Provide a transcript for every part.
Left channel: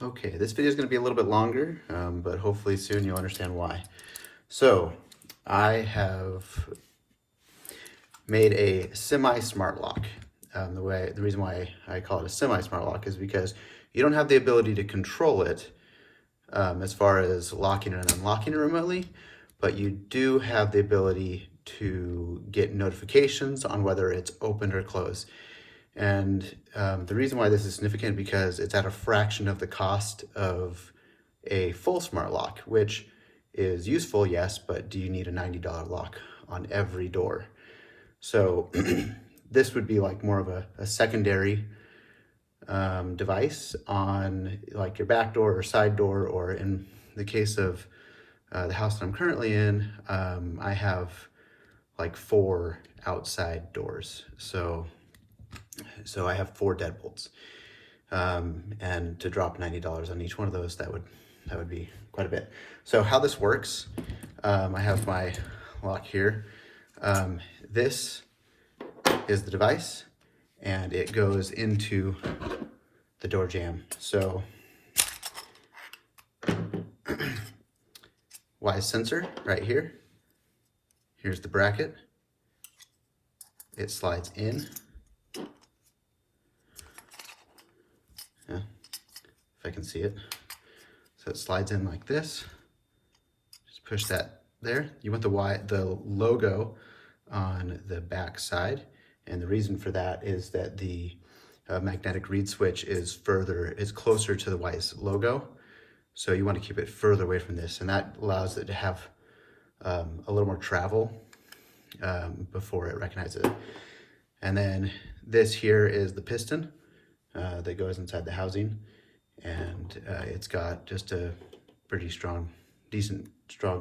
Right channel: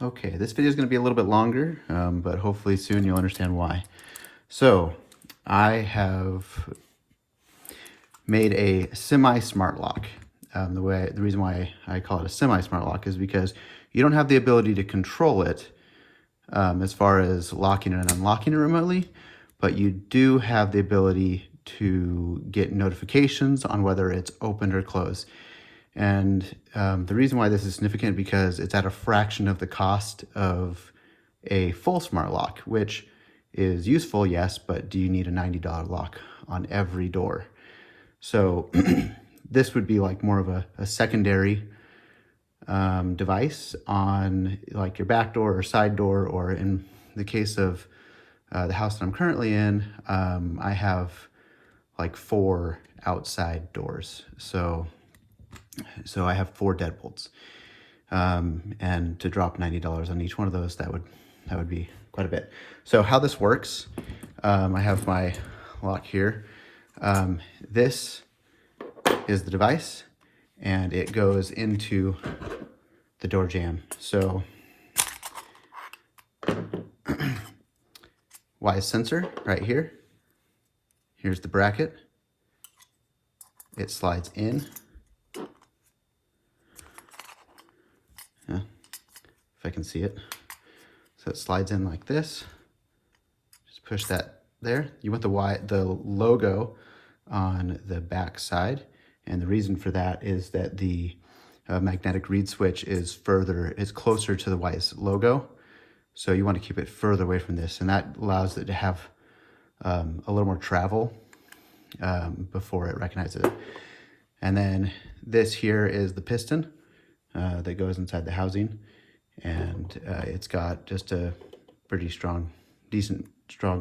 Okay, this video is going to be a little bit longer, but hopefully soon you'll understand why. So, I have made a semi-smart lock. The reason why I call it a semi-smart lock is because you don't have the ability to control it as far as locking and unlocking it remotely, but you do have the ability to get notifications on whether it's opened or closed. And the reason why this is significant because it's at a fraction of the cost of a full smart lock, which is useful, yes, but do you need a $90 lock on every door? So this would be like more of a secondary device on like your back door or side door, or in the case of the house that I'm currently in, I have like 4 outside doors. So I have 4 deadbolts, and to drop $90 on each one of those, that would be quite a bit. So how this works, I have my lock here. This is the device, and it goes into the door jamb. So Wyze sensor right here. Here's the bracket. It slides in. If I can see it. So it slides in like this. Just push that there. You want the logo on the back side, and the reason for that is that the magnetic reed switch is closer to the Wyze logo, so you want to keep it further away from this, and that allows it to have a little more travel before it recognizes it. And then this here is the piston that goes inside the housing, and it's got just a pretty strong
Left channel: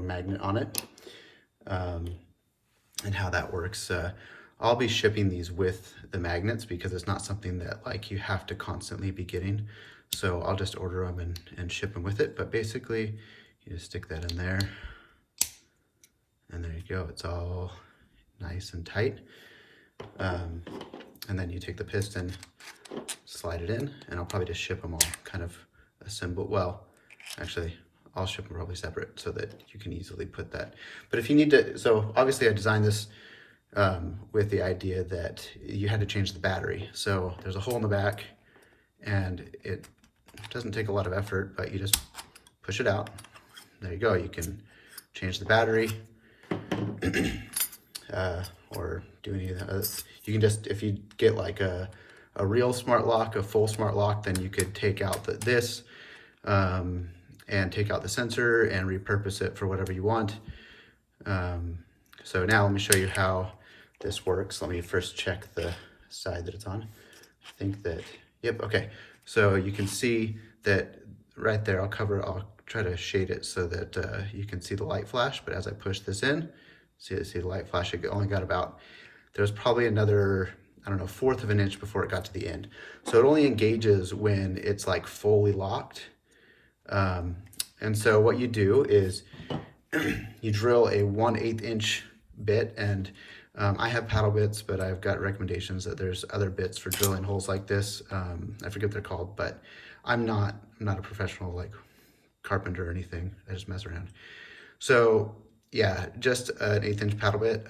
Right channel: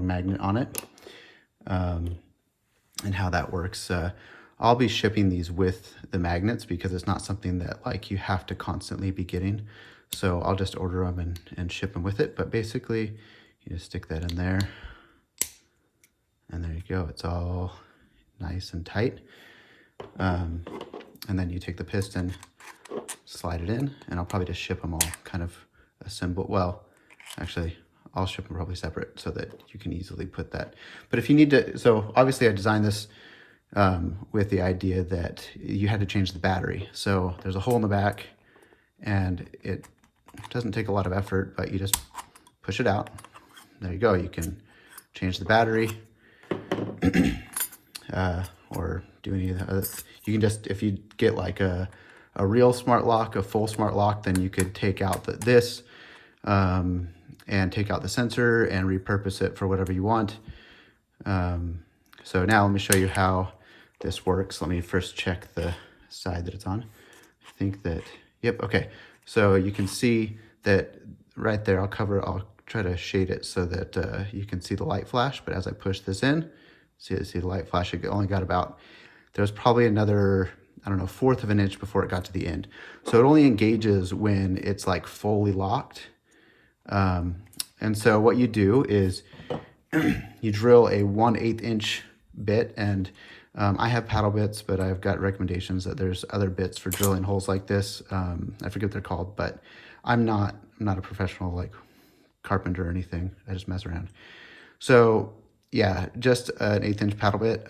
magnet on it. And how that works, I'll be shipping these with the magnets because it's not something that like you have to constantly be getting. So I'll just order them and ship them with it. But basically, you just stick that in there, and there you go. It's all nice and tight. And then you take the piston, slide it in, and I'll probably just ship them all kind of assembled. Well, actually, I'll ship them probably separate so that you can easily put that. But if you need to, so obviously I designed this with the idea that you had to change the battery. So there's a hole in the back, and it doesn't take a lot of effort, but you just push it out. There you go. You can change the battery or do any of the other. You can just, if you get like a real smart lock, a full smart lock, then you could take out this and take out the sensor and repurpose it for whatever you want. So now let me show you how this works. Let me first check the side that it's on. I think that, yep, okay. So you can see that right there, I'll try to shade it so that you can see the light flash, but as I push this in, see the light flash, it only got about, there's probably another, I don't know, 1/4 of an inch before it got to the end. So it only engages when it's like fully locked. And so what you do is you drill a 1/8 inch bit, and I have paddle bits, but I've got recommendations that there's other bits for drilling holes like this. I forget what they're called, but I'm not a professional like carpenter or anything. I just mess around. So yeah, just an 1/8 inch paddle bit.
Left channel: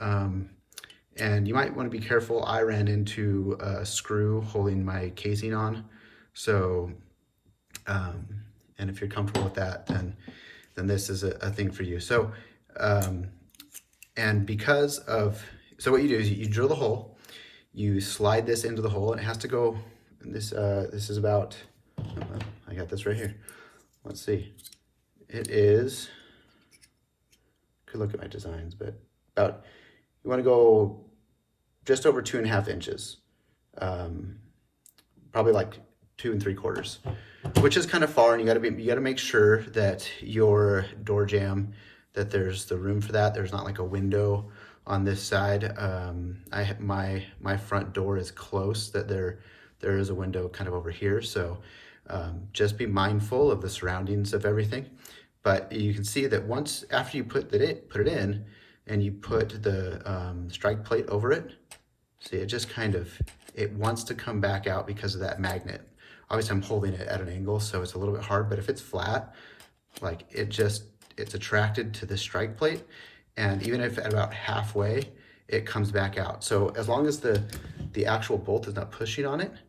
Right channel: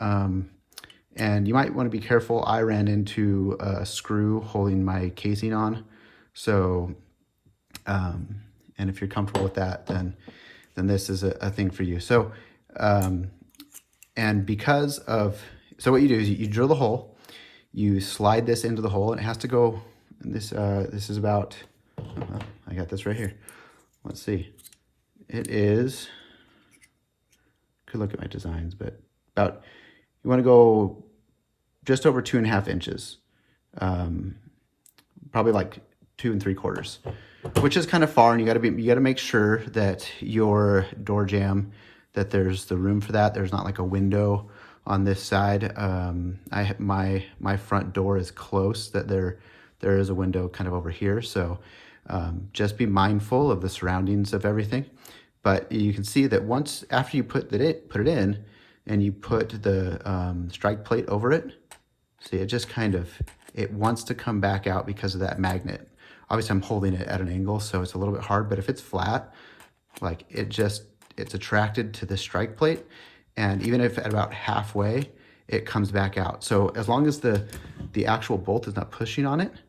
And you might want to be careful. I ran into a screw holding my casing on. So, and if you're comfortable with that, then this is a thing for you. So, and because of, so what you do is you drill the hole, you slide this into the hole, and it has to go, this is about, I got this right here. Let's see. It is, could look at my designs, but about, you want to go just over 2.5 inches, probably like 2 3/4, which is kind of far, and you got to make sure that your door jamb, that there's the room for that. There's not like a window on this side. My front door is close, that there is a window kind of over here. So just be mindful of the surroundings of everything. But you can see that once after you put it in, and you put the strike plate over it, see, it just kind of, it wants to come back out because of that magnet obviously I'm holding it at an angle, so it's a little bit hard, but if it's flat, like it's attracted to the strike plate, and even if at about halfway, it comes back out. So as long as the actual bolt is not pushing on it,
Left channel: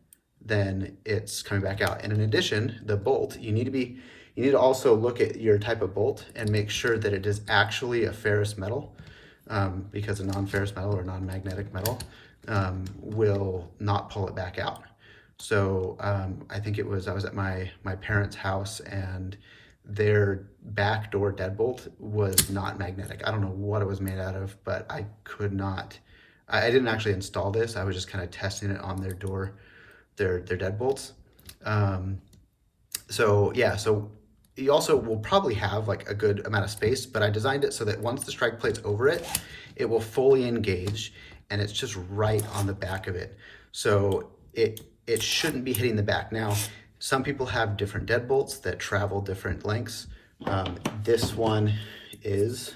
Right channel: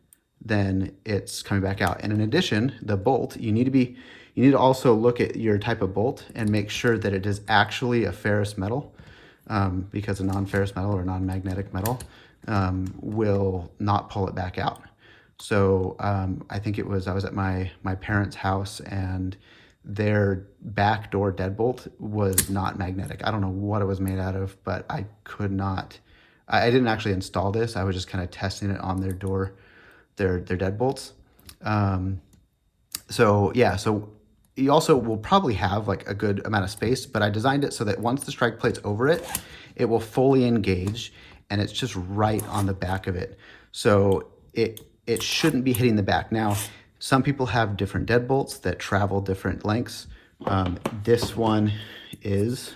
then it's coming back out. And in addition, the bolt, you need to also look at your type of bolt and make sure that it is actually a ferrous metal, because a non-ferrous metal or non-magnetic metal will not pull it back out. So I think I was at my parents' house, and their back door deadbolt was not magnetic. I don't know what it was made out of, but I could not, I didn't actually install this. I was just kind of testing it on their door, their deadbolts. So yeah, so you also will probably have like a good amount of space, but I designed it so that once the strike plate's over it, it will fully engage, and it's just right on the back of it. So it shouldn't be hitting the back. Now, some people have different deadbolts that travel different lengths. This one is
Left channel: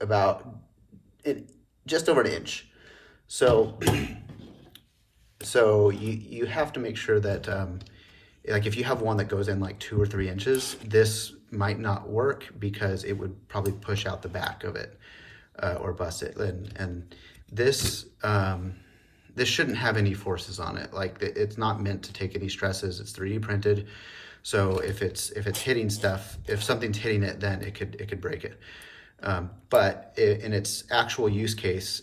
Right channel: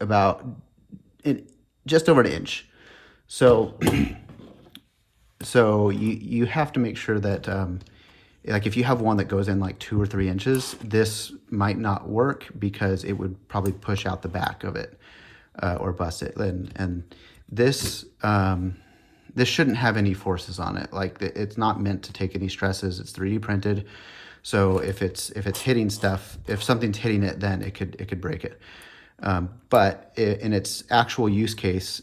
about just over an inch. So, so you have to make sure that, like if you have one that goes in like 2 or 3 inches, this might not work because it would probably push out the back of it or bust it. And this, this shouldn't have any forces on it. Like it's not meant to take any stresses. It's 3D printed. So if it's hitting stuff, if something's hitting it, then it could break it. But in its actual use case,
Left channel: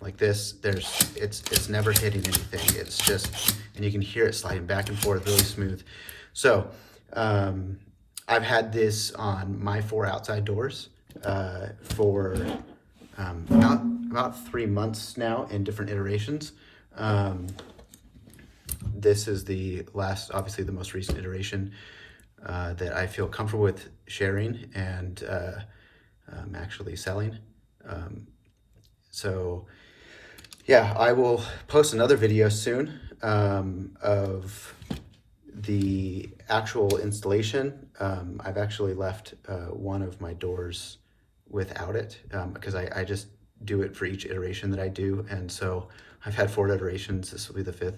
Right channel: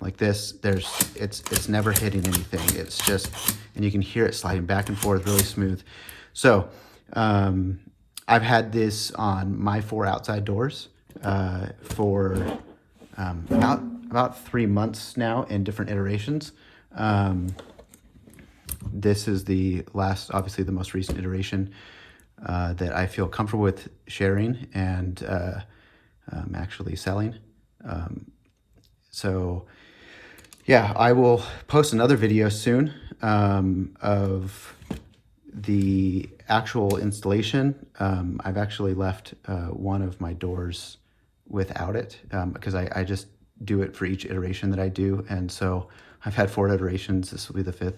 like this, it's never hitting anything. It's just, and you can hear it sliding back and forth really smooth. So I've had this on my 4 outside doors for about 3 months now in different iterations. This is the last, obviously the most recent iteration that I feel comfortable with sharing and actually selling. So yeah, I will post another video soon of the actual installation. I've actually left one of my doors without it because I just do it for each iteration that I do. And so I've had 4 iterations, this will be the 5th.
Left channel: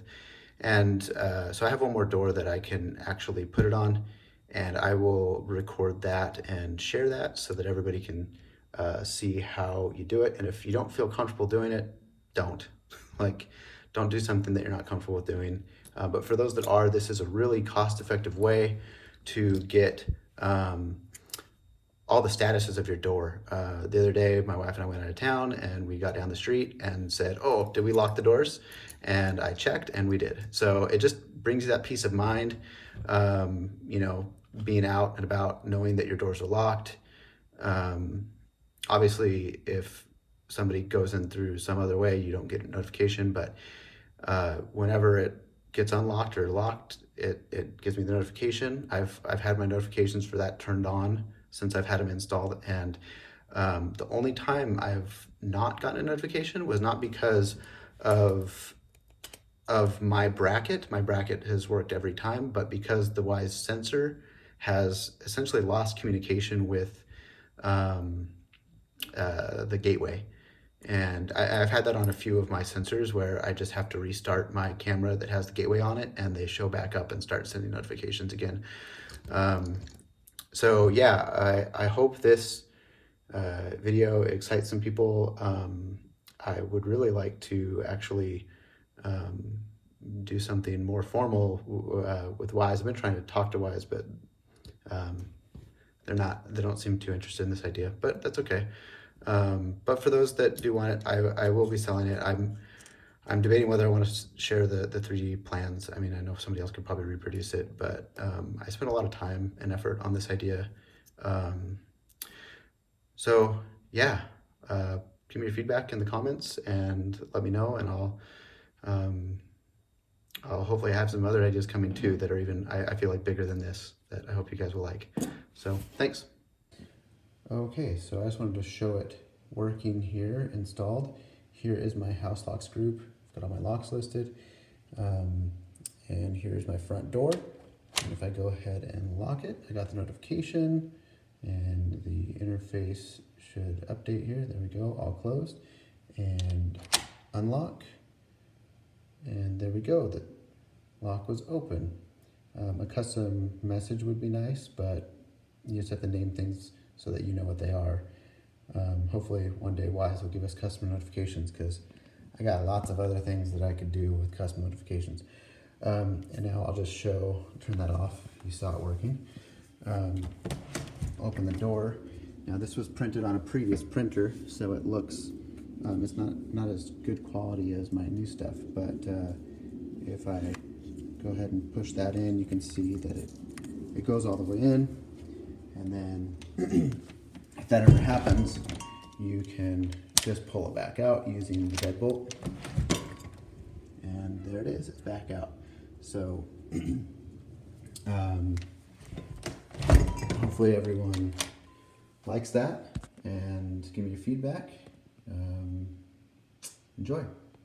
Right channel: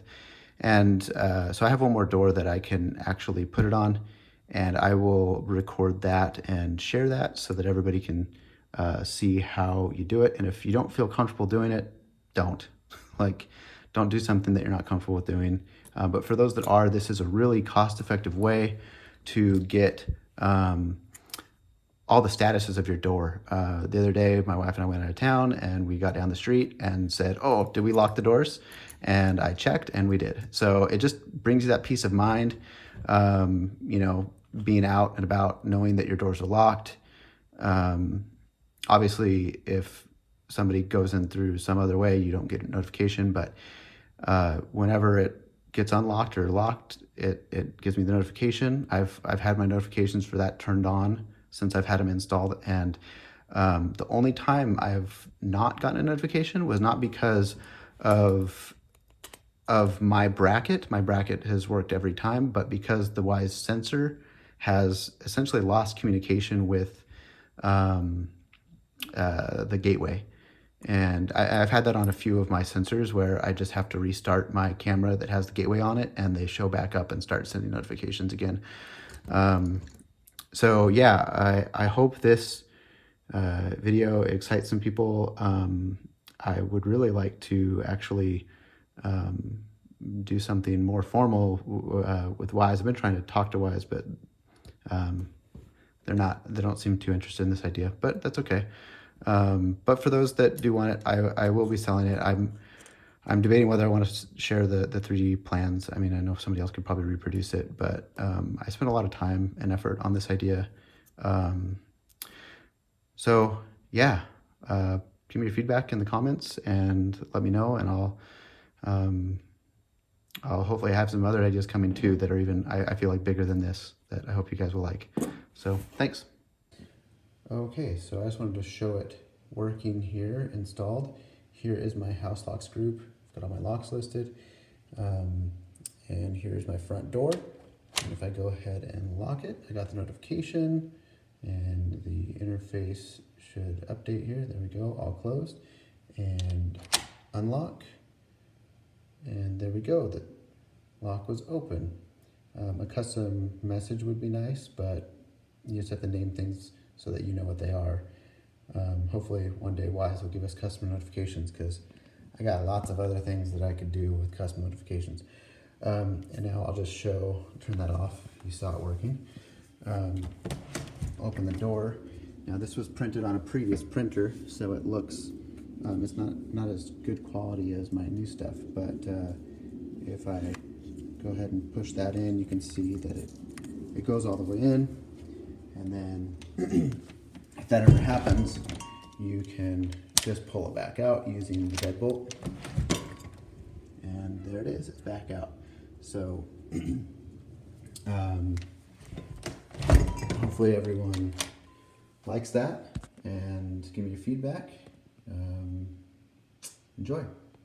And so I have one more door that I can actually put it on, and I will record that and share that so that everybody can see how you do it. And if you don't feel comfortable doing it, don't. Don't do something that you're not comfortable with doing. But for those that are, this is a really cost-effective way to get all the statuses of your door. The other day, my wife and I went out of town, and we got down the street and said, oh, did we lock the doors? And I checked, and we did. So it just brings you that peace of mind, you know, being out and about, knowing that your doors are locked. Obviously, if somebody goes in through some other way, you don't get a notification, but whenever it gets unlocked or locked, it gives me the notification. I've had my notifications for that turned on since I've had them installed, and the only time I've not gotten a notification was not because of my bracket. My bracket has worked every time, but because the Wyze sensor has essentially lost communication with the gateway. And I've had that on a few of my sensors where I just have to restart my camera that has the gateway on it, and they show back up and start sending notifications again. So yeah, I hope this video excites some people. I would really like to actually do something more formal with Wyze. I've been trying to talk to Wyze, but they don't seem too interested in this idea, but that's okay. But for those that do want it, I will be selling it. I'm debating whether I want to share the 3D plans. I mean, I know somebody else could probably reproduce it, but I spent a lot of time and effort on this idea. So yeah, give me your feedback in the comments and let me know, and I'll hopefully have some other ideas coming too that are even, I feel like, bigger than this, that I hope you guys will like. So thanks. Okay, so I just wanted to show it working here, installed. Here is my house locks group. I've got all my locks listed. And here's my front door. And if I go ahead and lock it, I got the notification, and the interface should update here. There we go, all closed. And unlock. And there we go, the lock was open. A custom message would be nice, but you just have to name things so that you know what they are. Hopefully one day Wyze will give us customer notifications, because I got lots of other things that I could do with custom notifications. And now I'll just turn that off. You saw it working. Open the door. Now this was printed on a previous printer, so it looks, it's not as good quality as my new stuff, but if I go ahead and push that in, you can see that it goes all the way in. And then if that ever happens, you can just pull it back out using the deadbolt. And there it is, it's back out. So hopefully everyone likes that and give me your feedback. Enjoy.